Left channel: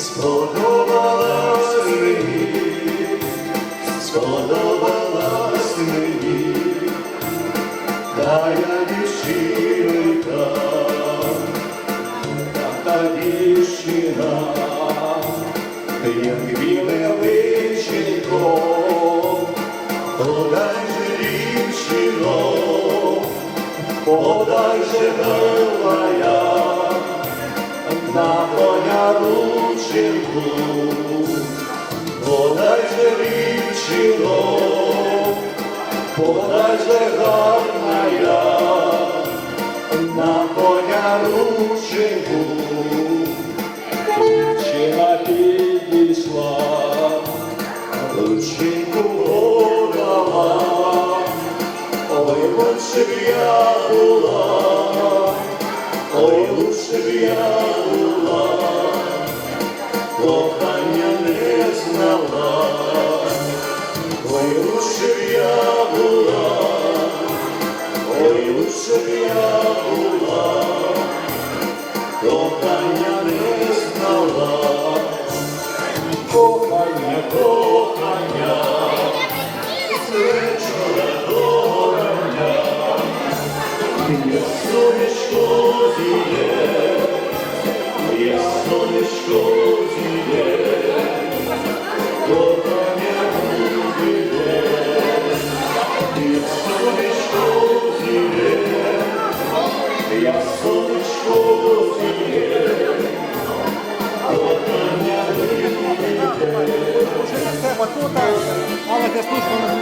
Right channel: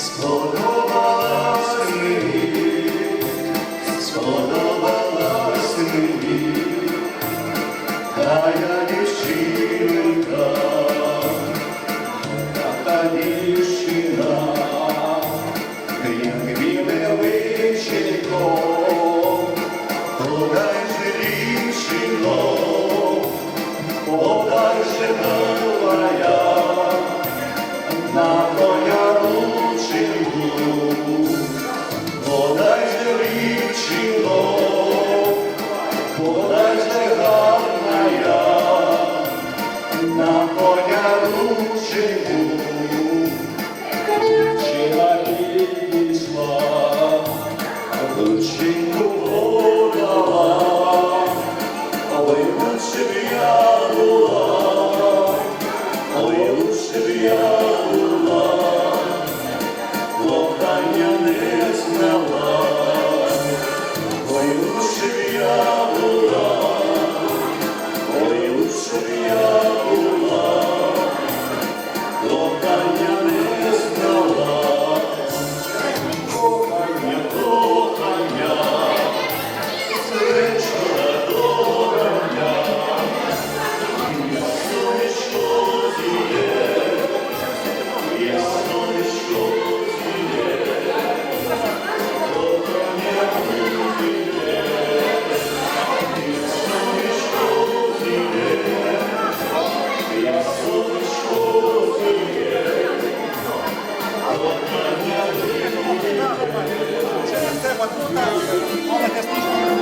Сподобалась мені, Подай же дівчино, подай же милая, на коня рученьку, лучше б я була, ой, лучше б я була, кохання не знала, ой, лучше б я була, ой, лучше б я була. Кохання мама кастушка.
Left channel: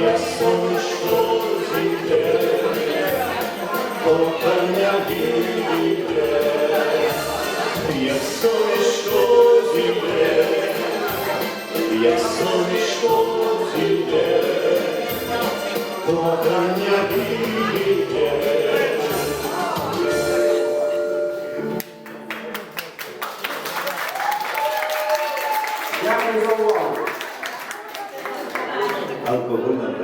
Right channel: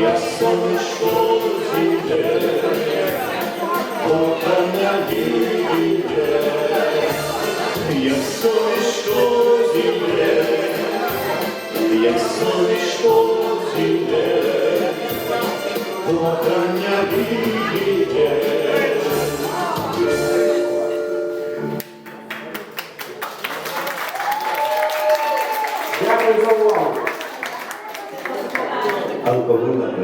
Я сонечко зійде, кохання війде, я сонечко зійде, я сонечко зійде, кохання війде. Дякую за увагу. algo de una